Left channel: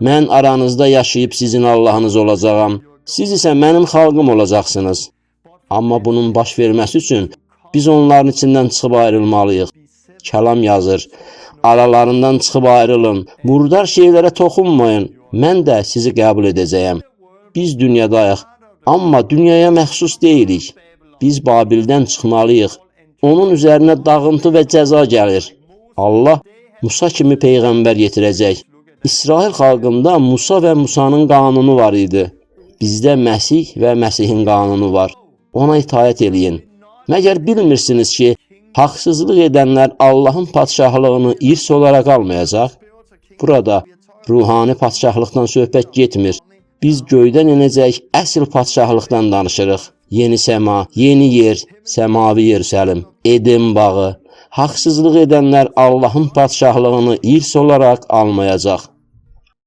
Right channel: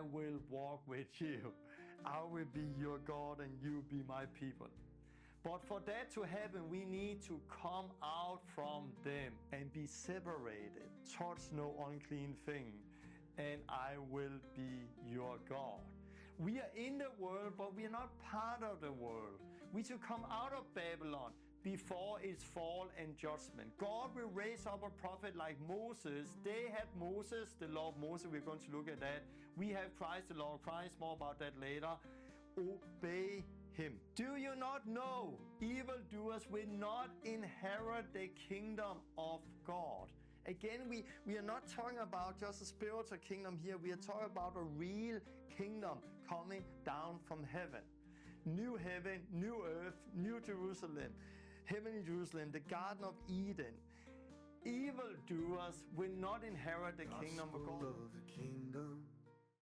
Mən aranızda yaşayıb sizin Allahınız olacağam. Siz isə mənim xalqım olacaqsınız. Amma bunun baş verməsi üçün biz onların içindən çıxıb ayrılmalıyıq. Kəlam yazır. Aralarından çıxıb ayrılın. Murdar şeylərə toxunmayın. Mən də sizi qəbul edəcəyəm. Biz dünyadayıq, amma dünyaya məxsus deyilik. Biz Babildən çıxmalıyıq. Onun üzərinə dağıntı və cəza gəlir. Allah Musa kimi peyğəmbər yetirəcək. İsrail xalqında Musa və Musanın qanunu var idi. Bizdə Məsih və Məsihin qanunu var. Ona itaət eləyin. Məgər bilmirsiniz ki, haqsızlıq edənlər Allahın padşahlığını irs olaraq almayacaq? Burada ruhani padşahlıqdan söhbət getmir. Biz göydən enəcək əsl padşahlıqdan danışırıq. Yeni səma, yeni yer, səmavi Yerusəlim, Eden bağı. Haqsızlıq edənlər Allahın padşahlığını irs olaraq almayacaq.